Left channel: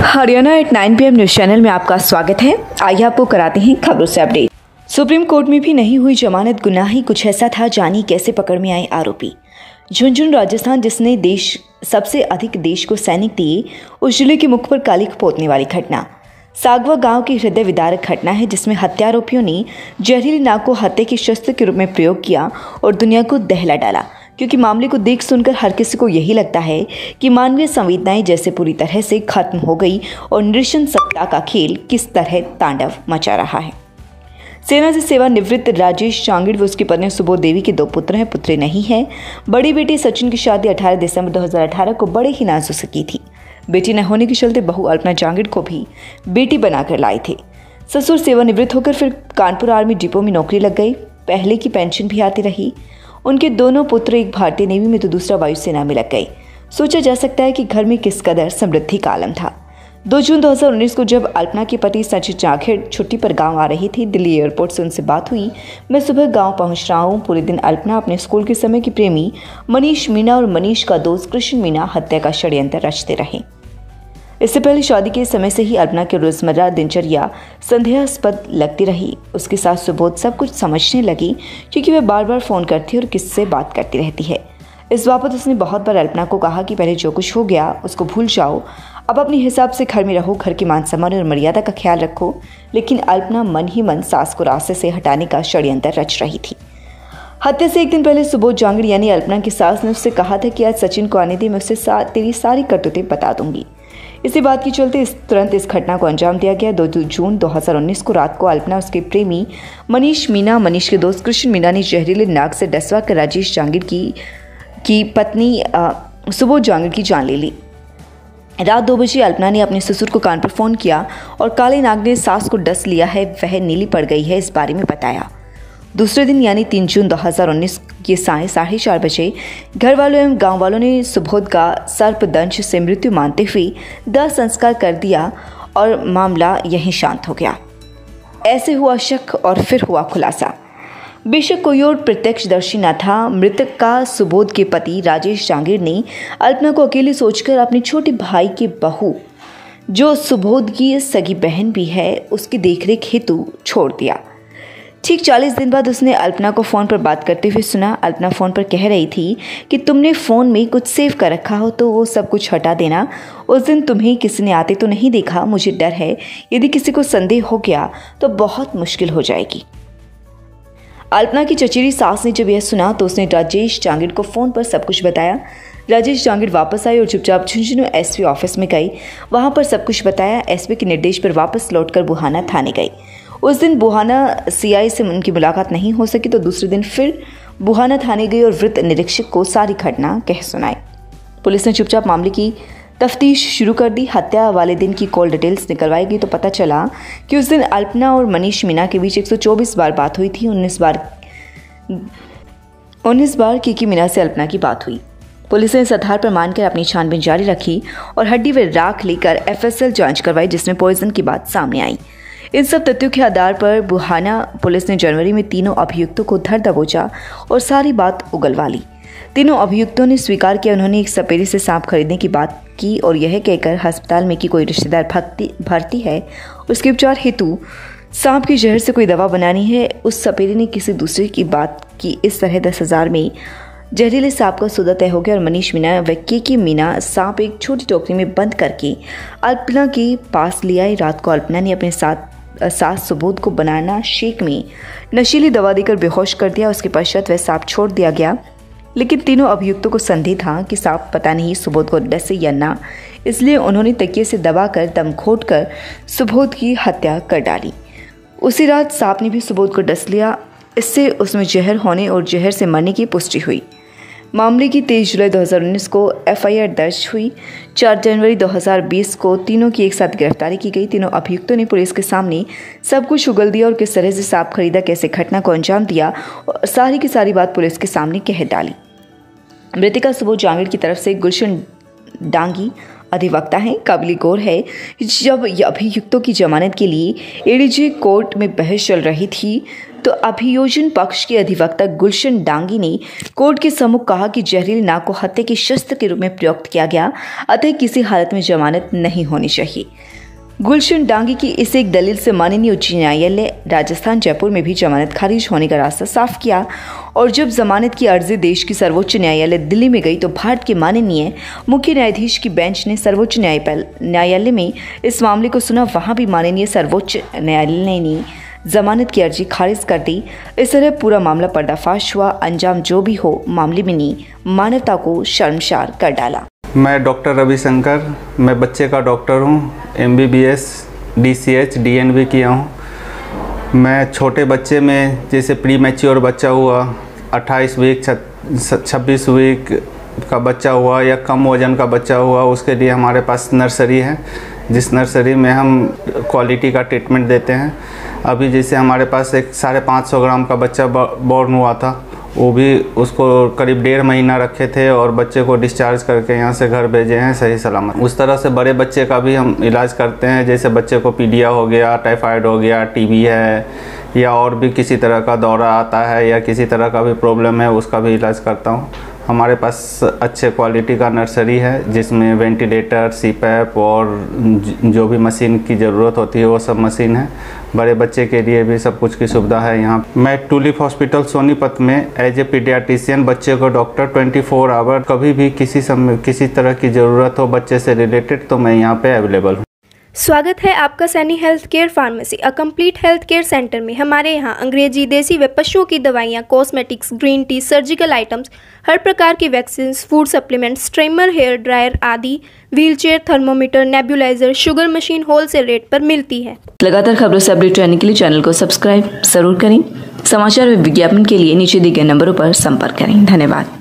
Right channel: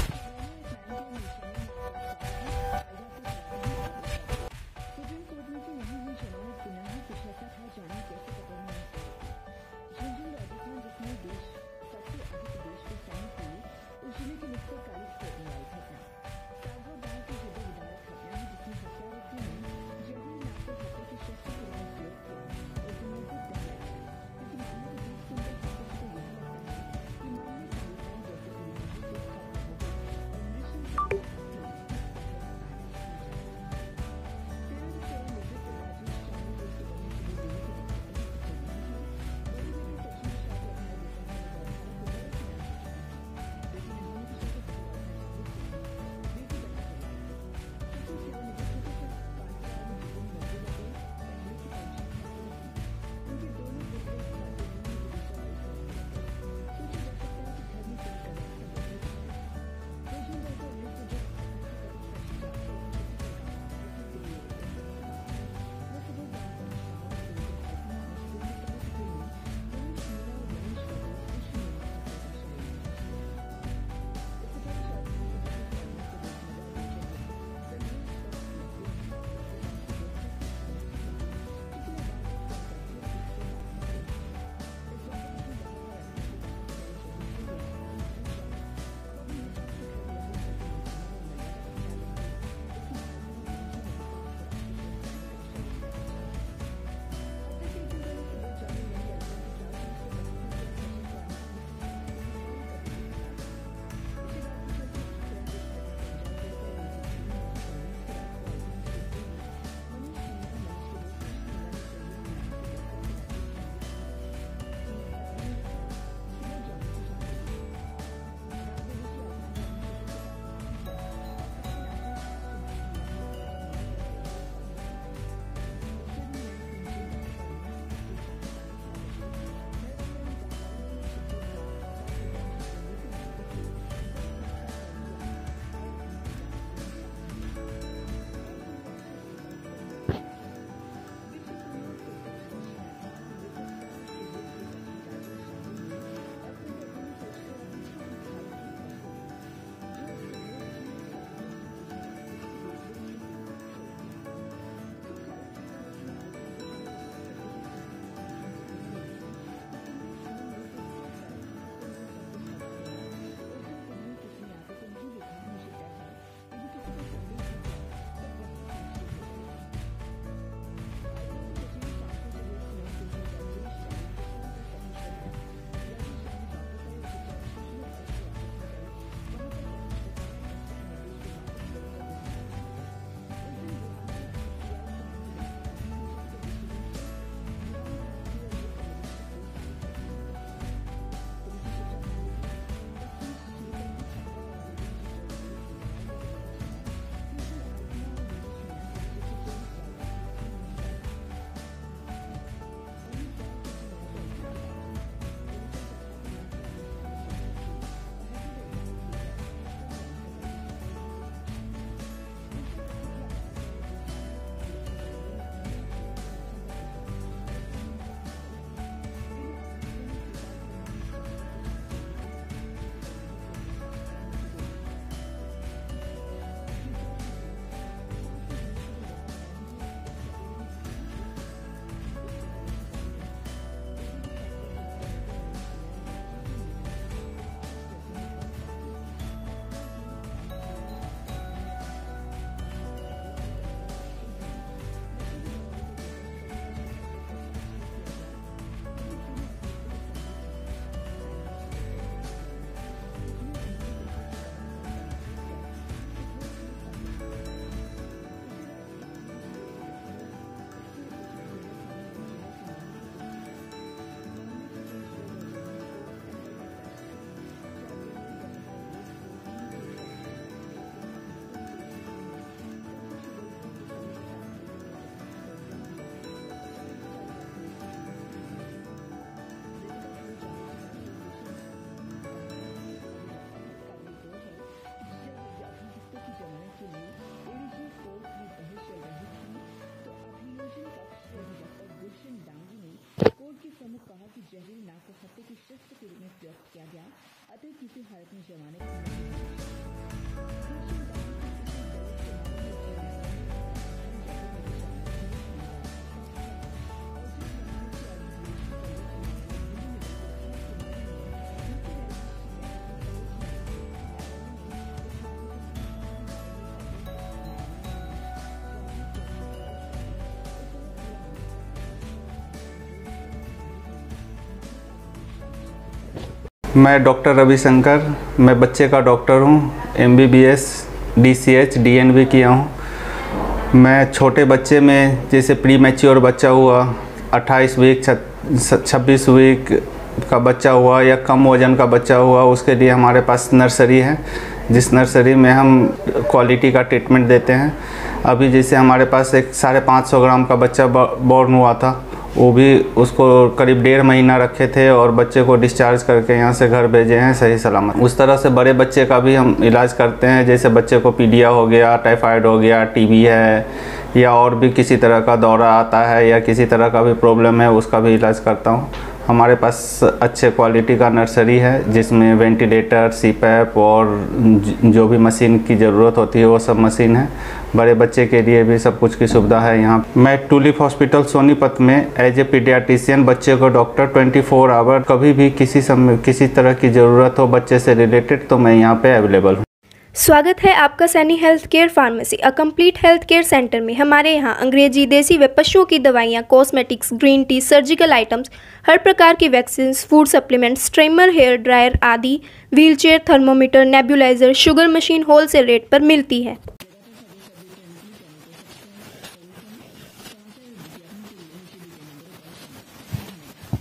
Haryana at 9 PM news channel में आपका स्वागत है। आइए आपको कराते हैं खबरों से अपडेट। सुप्रीम कोर्ट में भी नहीं हुई जमानत, गुनाह ही कुछ ऐसा था, जानी कैसे पकड़ में आए आरोपी। झुंझुनू राजस्थान, जिसने सबसे अधिक देश को सैनिक दिए, उस जिले के मुख पर कालिख पोतने वाली घटना सागवा गांव की हृदय विदारक घटना है, जिसमें हत्यारोपियों ने जहरीली नाग को हत्या के शस्त्र के रूप में प्रयोग किया और दुनिया को दहला डाला। क्योंकि मामले को देख सुनकर हर किसी को यही लगता है कि मानवीय संवेदनाएं जैसे पूरी तरह से खत्म हो गई और नृशंसता का खेल किस तरह तांडव मचा रहा है। सेना से सेवानिवृत्त राजेश चांगिड़ व उसकी पत्नी सुबोध देवी के 2 पुत्र हैं, पुत्री नहीं है। बड़ी बेटी सचिन की शादी 18 दिसंबर 2018 को बड़े ही नाजुक से की थी। बेटी न होने के चलते बहू अल्पना चांगिड़ को भी बेटी बनाकर लाए थे। ससुर सेवानिवृत्त होकर फिर कानपुर आर्मी डिपो में नौकरी लग गई। पहले की पेंशन भी आती रही। उनके दोनों पुत्र, एक भारतीय नेवी में तो दूसरा वायुसेना में लग गए। सोचा जा सकता है कि घर में किस कदर समृद्धि का आलम था। 2 जून 2019 को जब अल्पना के पति सचिन चांगिड़ छुट्टी पर गांव आ रही थी, दिल्ली एयरपोर्ट से उनसे बात हुई। मैं सुबह गांव पहुंच रहा हूं। पूरे दिन अल्पना अपने स्कूल के समय की प्रेमी मनीष मीणा और मनीष का दोस्त कृष्ण मीणा हत्या का षड्यंत्र रचते रहे। इससे पहले शादी के समय से ही अल्पना की रोजमर्रा दिनचर्या संदेहास्पद लगती रही। उसके साथ सुबोध सब कुछ समझने लगी, क्योंकि वह बार बार फोन करती और किससे बात करती रहती है। इस बाबत उसने बहुत बार अल्पना को कहा कि पहले जो कुछ हो गया उसको भूल जाओ, अब अपने हिसाब से घर में रहो, घर के मान सम्मान और मर्यादा का ख्याल रखो। लेकिन अल्पना मन ही मन सास को रास्ते से हटाने का षड्यंत्र रच रही थी। हत्या से एक दिन पहले सुबोध चांगिड़ यानी अल्पना की सास ने उससे कहा था कि आज सचिन को आने दे, मैं उससे तेरी सारी करतूतें बता दूंगी। इसी बात के चलते तुरंत इस घटना को अंजाम दिया गया। 2 जून 2019 को रात को अल्पना, उसके प्रेमी मनीष मीणा, मनीष के दोस्त कृष्ण मीणा ने जहरीले नाग से डसवा कर राजेश चांगिड़ की पत्नी सुबोध चांगिड़ की जान ले ली। रात 2 बजे अल्पना ने अपने ससुर को कान पर फोन किया और काले नाग ने सास को डस लिया है, वह नीली पड़ गई है, इस बारे में बताया। दूसरे दिन यानी 3 जून 2019 के साय 4:30 बजे घर वालों एवं गांव वालों ने सुबोध का सर्पदंश से मृत्यु मानते हुए दाह संस्कार कर दिया और मामला यहीं शांत हो गया। ऐसे हुआ शक और फिर हुआ खुलासा। बेशक कोई और प्रत्यक्षदर्शी न था। मृतक का सुबोध के पति राजेश चांगिड़ ने अल्पना को अकेली सोचकर अपने छोटे भाई की बहू, जो सुबोध की सगी बहन भी है, उसकी देखरेख हेतु छोड़ दिया। ठीक 40 दिन बाद उसने अल्पना को फ़ोन पर बात करते हुए सुना। अल्पना फ़ोन पर कह रही थी कि तुमने फ़ोन में कुछ सेव कर रखा हो तो वो सब कुछ हटा देना। उस दिन तुम्हें किसी ने आते तो नहीं देखा। मुझे डर है यदि किसी को संदेह हो गया तो बहुत मुश्किल हो जाएगी। अल्पना की चचेरी सास ने जब यह सुना तो उसने राजेश चांगिड़ को फ़ोन पर सब कुछ बताया। राजेश चांगिड़ वापस आई और चुपचाप झुंझुनू एसपी ऑफिस में गई। वहां पर सब कुछ बताया। एसपी के निर्देश पर वापस लौटकर बुहाना थाने गई। उस दिन बुहाना सीआई से उनकी मुलाकात नहीं हो सकी तो दूसरे दिन फिर बुहाना थाने गई और वृत्त निरीक्षक को सारी घटना कह सुनाई। पुलिस ने चुपचाप मामले की तफ्तीश शुरू कर दी। हत्या वाले दिन की कॉल डिटेल्स निकलवाई गई तो पता चला कि उस दिन अल्पना और मनीष मीणा के बीच 124 बार बात हुई थी। 19 बार की मीणा से अल्पना की बात हुई। पुलिस ने इस आधार पर मानकर अपनी छानबीन जारी रखी और हड्डी व राख लेकर एफएसएल जांच करवाई, जिसमें पॉइजन की बात सामने आई। इन सब तथ्यों के आधार पर बुहाना पुलिस ने जनवरी में तीनों अभियुक्तों को धर दबोचा और सारी बात उगलवा ली। तीनों अभियुक्तों ने स्वीकार किया उन्होंने एक सपेरे से सांप खरीदने की बात की और यह कहकर अस्पताल में कि कोई रिश्तेदार भर्ती है, उसके उपचार हेतु सांप की जहर से कोई दवा बनानी है। उस सपेरे ने किसी दूसरे की बात की। इस तरह 10,000 में जहरीले सांप का सौदा तय हो गया और मनीष मीणा व के मीणा सांप एक छोटी टोकरी में बंद करके अल्पना के पास ले आए। रात को अल्पना ने अपने सास सुबोध को बनाना शेक में नशीली दवा देकर बेहोश कर दिया। उसके पश्चात वह सांप छोड़ दिया गया। लेकिन तीनों अभियुक्तों को संदेह था कि सांप पता नहीं सुबोध को डसे या ना, इसलिए उन्होंने तकिए से दबाकर दम घोंटकर सुबोध की हत्या कर डाली। उसी रात सांप ने भी सुबोध को डस लिया। इससे उसमें जहर होने और जहर से मरने की पुष्टि हुई। मामले की 23 जुलाई 2019 को एफआईआर दर्ज हुई। 4 जनवरी 2020 को तीनों की एक साथ गिरफ्तारी की गई। तीनों अभियुक्तों ने पुलिस के सामने सब कुछ उगल दिया और किस तरह से सांप खरीदा, कैसे घटना को अंजाम दिया और सारी की सारी बात पुलिस के सामने कह डाली। मृतका सुबोध चांगिड़ की तरफ से गुलशन डांगी अधिवक्ता हैं। काबिल गौर है जब अभियुक्तों की जमानत के लिए एडीजे कोर्ट में बहस चल रही थी तो अभियोजन पक्ष के अधिवक्ता गुलशन डांगी ने कोर्ट के सम्मुख कहा कि जहरीली नाग को हत्या के शस्त्र के रूप में प्रयुक्त किया गया, अतः किसी हालत में जमानत नहीं होनी चाहिए। गुलशन डांगी की इस एक दलील से माननीय उच्च न्यायालय राजस्थान जयपुर में भी जमानत खारिज होने का रास्ता साफ किया और जब जमानत की अर्जी देश की सर्वोच्च न्यायालय दिल्ली में गई तो भारत के माननीय मुख्य न्यायाधीश की बेंच ने सर्वोच्च न्यायालय में इस मामले को सुना। वहां भी माननीय सर्वोच्च न्यायालय ने जमानत की अर्जी खारिज कर दी। इस तरह पूरा मामला पर्दाफाश हुआ। अंजाम जो भी हो, मामले में ने मानवता को शर्मसार कर डाला। मैं डॉक्टर रविशंकर, मैं बच्चे का डॉक्टर हूँ। MBBS DCH DNB किया हूँ। मैं छोटे बच्चे में जैसे प्री मैच्योर बच्चा हुआ, 28 वीक 26 वीक का बच्चा हुआ या कम वजन का बच्चा हुआ, उसके लिए हमारे पास नर्सरी है, जिस नर्सरी में हम क्वालिटी का ट्रीटमेंट देते हैं। अभी जैसे हमारे पास एक 550 ग्राम का बच्चा बॉर्न हुआ था, वो भी उसको करीब 1.5 महीना रखे थे और बच्चे को डिस्चार्ज करके यहाँ से घर भेजे हैं सही सलामत। उस तरह से बड़े बच्चे का भी हम इलाज करते हैं, जैसे बच्चे को पीडिया हो गया, टाइफाइड हो गया, TB है या और भी किसी तरह का दौरा आता है या किसी तरह का भी प्रॉब्लम है, उसका भी इलाज करता हूँ। हमारे पास अच्छे क्वालिटी का नर्सरी है जिसमें वेंटिलेटर, CPAP और जो भी मशीन की ज़रूरत होती है वो सब मशीन है। बड़े बच्चे के लिए भी सब कुछ की सुविधा है यहाँ। मैं टूलिप हॉस्पिटल सोनीपत में एज ए पीडियाट्रिशियन बच्चे को डॉक्टर 24 आवर कभी भी किसी तरह की ज़रूरत हो बच्चे से रिलेटेड तो मैं यहाँ पे अवेलेबल हूँ। स्वागत है आपका Saini health care pharmacy, a complete health care centre में। हमारे यहाँ अंग्रेजी, देसी व पशुओं की दवाइयाँ, cosmetics, green tea, surgical items, हर प्रकार की vaccine, food supplements, trimmer, hair dryer आदि, wheelchair, thermometer, nebuliser, sugar machine wholesale rate पर मिलती है। लगातार खबरों से अपडेट रहने के लिए चैनल को सब्सक्राइब जरूर करें। समाचार व विज्ञापन के लिए नीचे दिए गए नंबरों पर संपर्क करें। धन्यवाद।